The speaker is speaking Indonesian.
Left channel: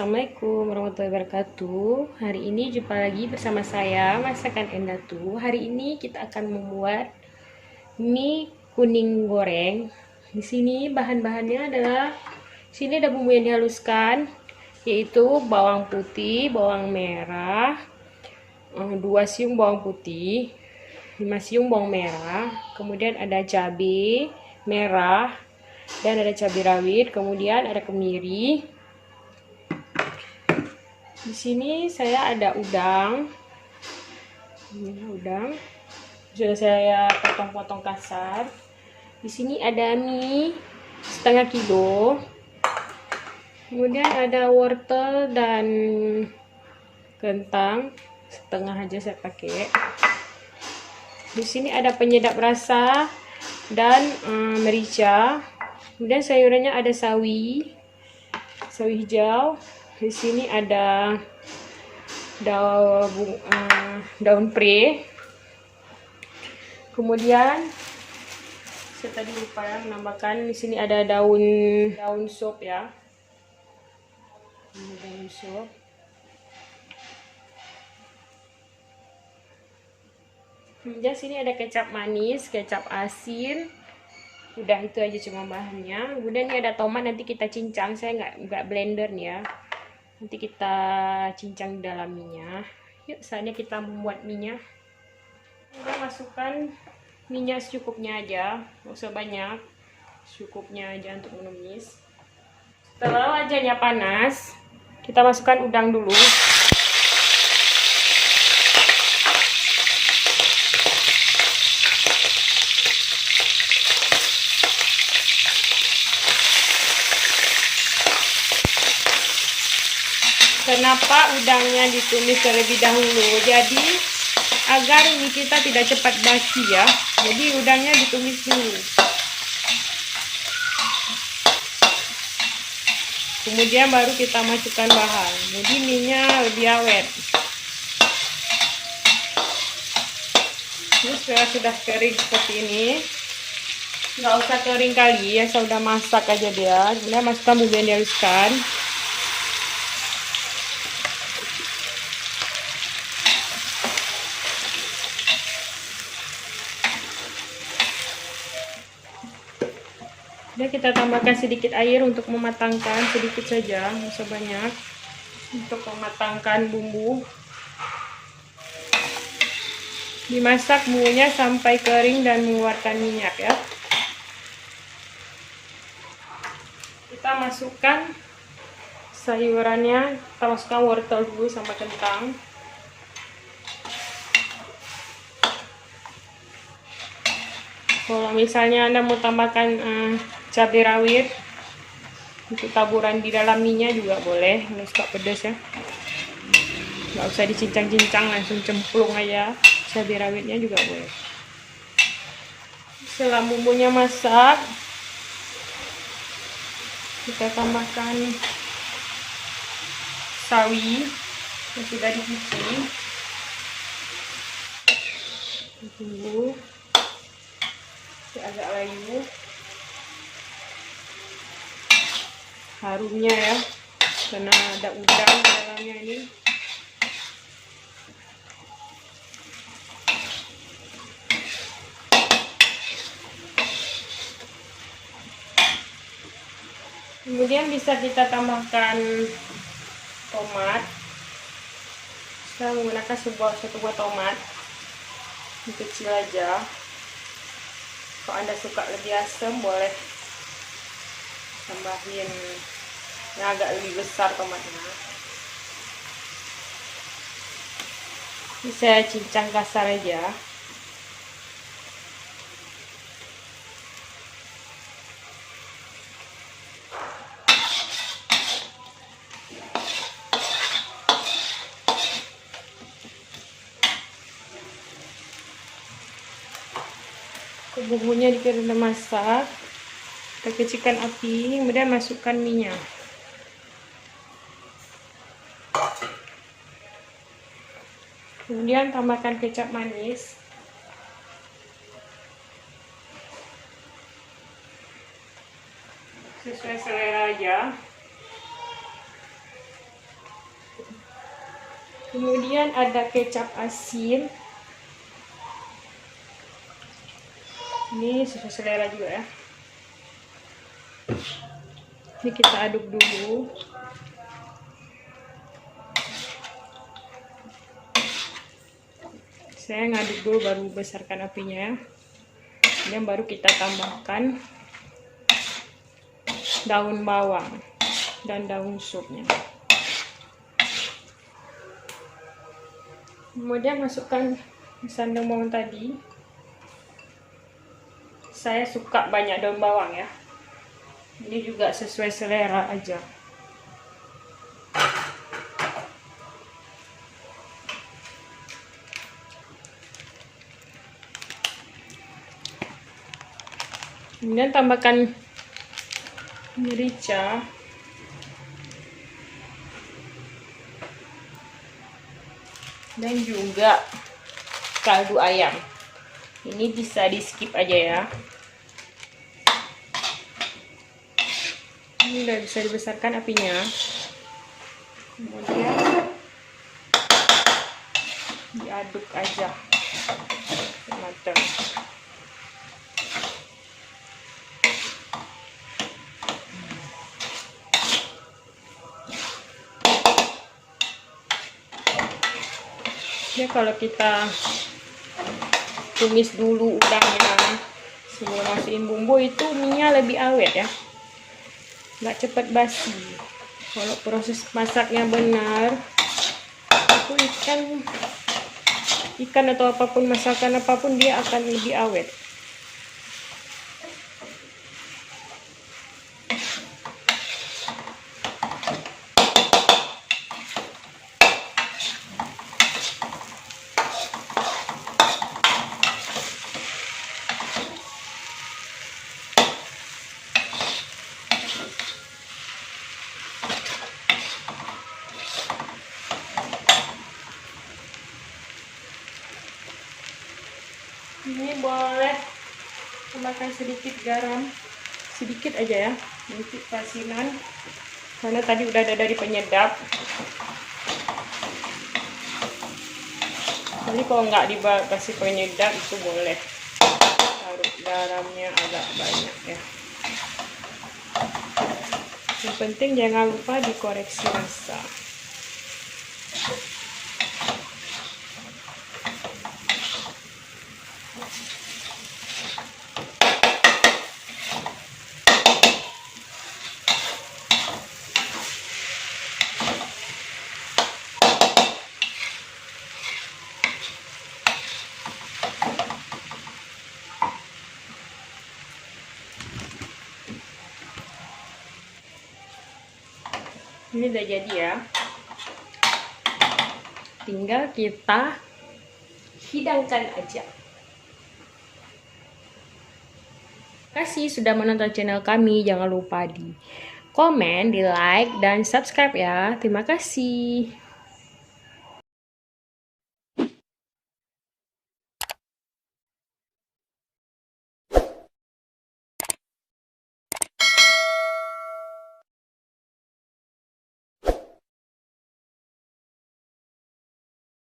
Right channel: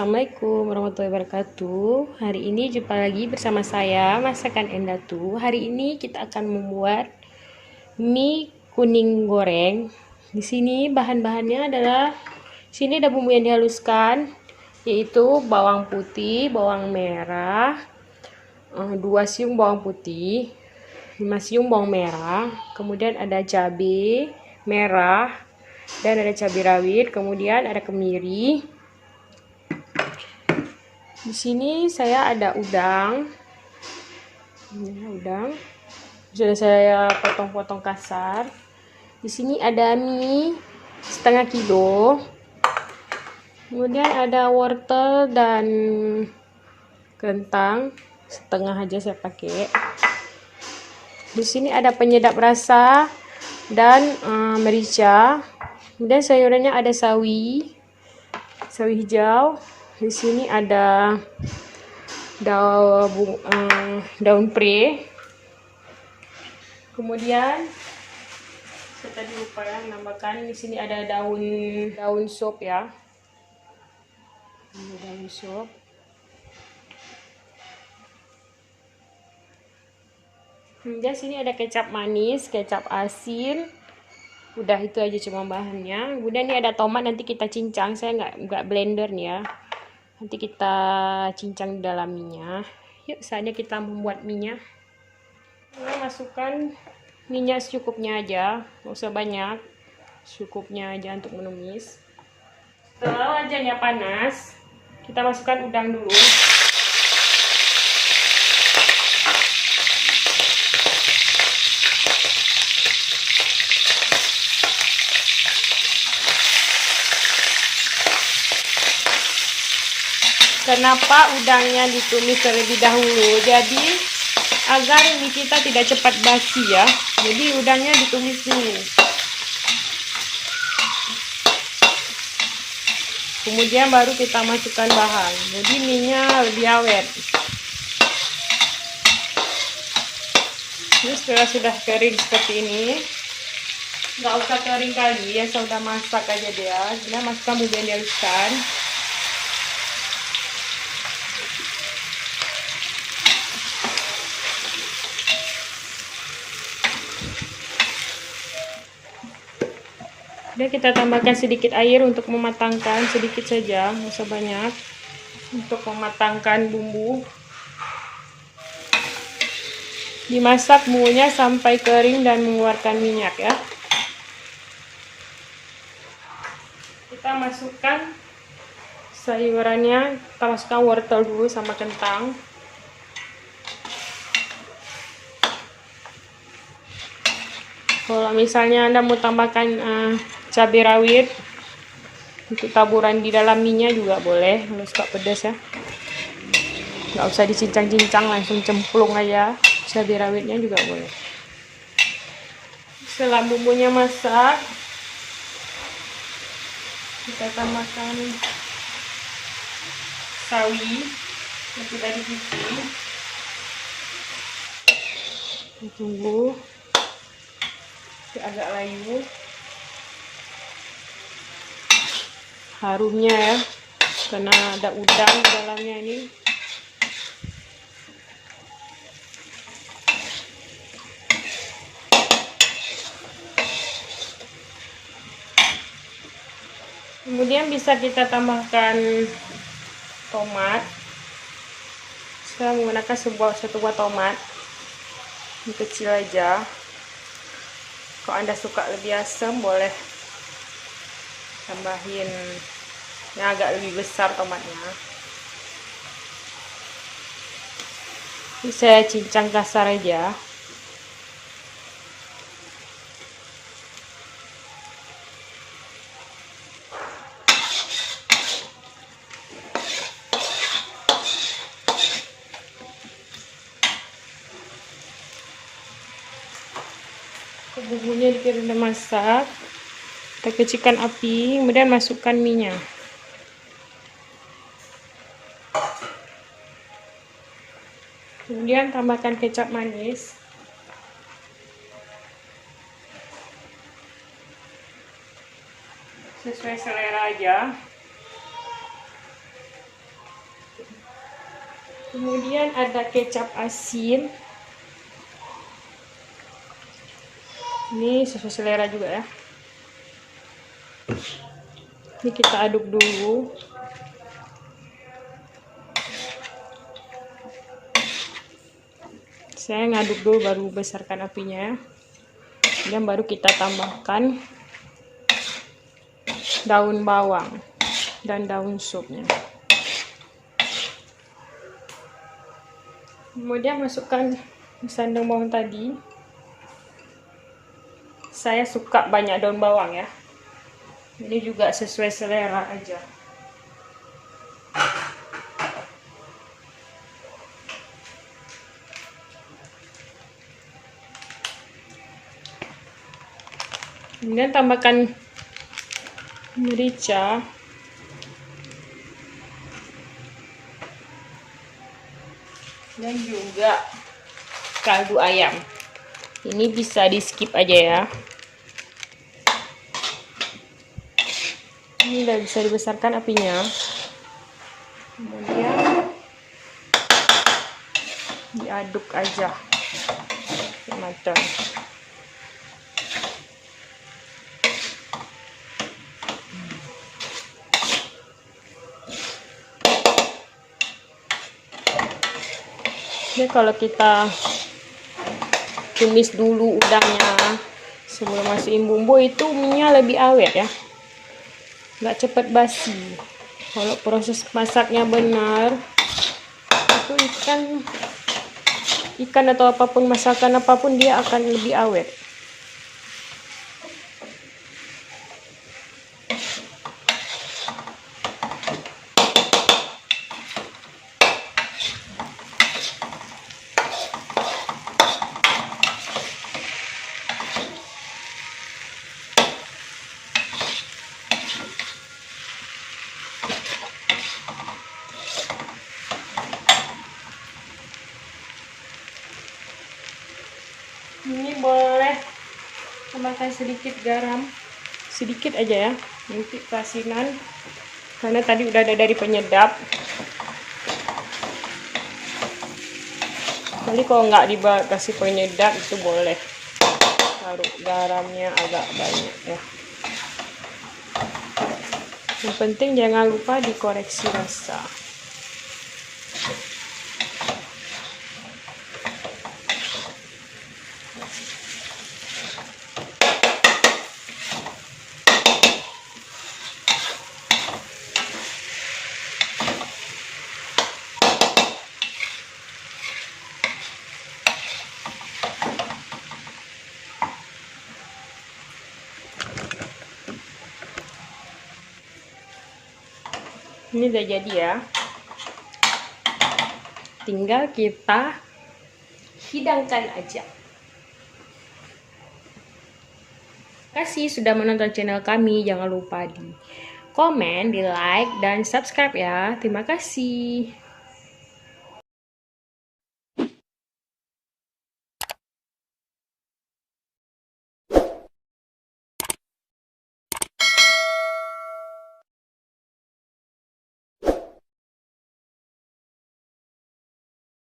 Assalamualaikum warahmatullahi wabarakatuh. Hari ini jumpa lagi bersama saya Masakan Endatu. Hari ini kita akan membuat mie kuning goreng. Di sini bahan-bahannya adalah sini ada bumbu yang dihaluskan, yaitu bawang putih, bawang merah, 2 siung bawang putih, 5 siung bawang merah, kemudian ada cabai merah dan ada cabai rawit, kemudian ada kemiri. Di sini saya ada udang. Ini udang. Sudah saya potong-potong kasar. Di sini ada mie setengah kilo. Kemudian ada wortel dan kentang setengah aja saya pakai. Di sini ada penyedap rasa dan merica. Kemudian sayurannya ada sawi hijau. Di sini ada daun pre. Kemudian saya tadi lupa ya menambahkan, di sini ada daun sop ya. Ini daun sop. Kemudian sini ada kecap manis, kecap asin. Udah itu aja cuma bahannya. Kemudian ini ada tomat, nanti kita cincang. Saya nggak blender nih ya. Nanti kita cincang di dalam minyak. Yuk, saatnya kita membuat minyak. Kita masukkan minyak secukupnya aja, nggak usah banyak, secukupnya aja untuk menumis. Setelah wajahnya panas, kita masukkan udang dulu. Kenapa udangnya ditumis terlebih dahulu? Jadi agar mie kita tidak cepat basi ya. Jadi udangnya ditumis dulu. Kemudian baru kita masukkan bahan. Jadi mie-nya lebih awet. Ini sudah kering seperti ini. Nggak usah kering kali ya, saya udah masak aja dia. Kemudian masukkan bumbu yang dihaluskan. Kemudian kita tambahkan sedikit air untuk mematangkan, sedikit saja, nggak usah banyak, untuk mematangkan bumbu. Dimasak bumbunya sampai kering dan mengeluarkan minyak ya. Kita masukkan sayurannya, kita masukkan wortel dulu sama kentang. Kalau misalnya Anda mau tambahkan cabai rawit untuk taburan di dalam minyak juga boleh, kalau suka pedas ya. Nggak usah dicincang-cincang, langsung cemplung aja. Cabai rawitnya juga boleh. Setelah bumbunya masak, kita tambahkan sawi yang sudah dicuci. Tunggu agak layu, harumnya ya, karena ada udang di dalamnya ini. Kemudian bisa kita tambahkan tomat. Saya menggunakan satu buah tomat, ini kecil aja. Kalau Anda suka lebih asam, boleh tambahin yang agak lebih besar tomatnya. Ini saya cincang kasar aja. Bumbunya sudah masak, kita kecilkan api, kemudian masukkan minyak. Kemudian tambahkan kecap manis. Sesuai selera aja. Kemudian ada kecap asin. Ini sesuai selera juga ya. Ini kita aduk dulu. Saya ngaduk dulu baru besarkan apinya. Kemudian baru kita tambahkan daun bawang dan daun supnya. Kemudian masukkan sandung bawang tadi. Saya suka banyak daun bawang ya. Ini juga sesuai selera aja. Kemudian tambahkan merica. Dan juga kaldu ayam. Ini bisa di skip aja ya. Ini udah bisa dibesarkan apinya. Kemudian diaduk aja matang. Ini kalau kita tumis dulu udangnya sebelum masukin bumbu, itu minyak lebih awet ya, nggak cepet basi. Kalau proses masaknya benar, itu ikan atau apapun, masakan apapun, dia akan lebih awet. Ini boleh tambahkan sedikit garam, sedikit aja ya, nanti kasinan, karena tadi udah ada dari penyedap. Jadi kalau nggak dikasih penyedap itu boleh taruh garamnya agak banyak ya. Yang penting jangan lupa dikoreksi rasa. Ini udah jadi ya. Tinggal kita hidangkan aja. Terima kasih sudah menonton channel kami. Jangan lupa di komen, di like, dan subscribe ya. Terima kasih.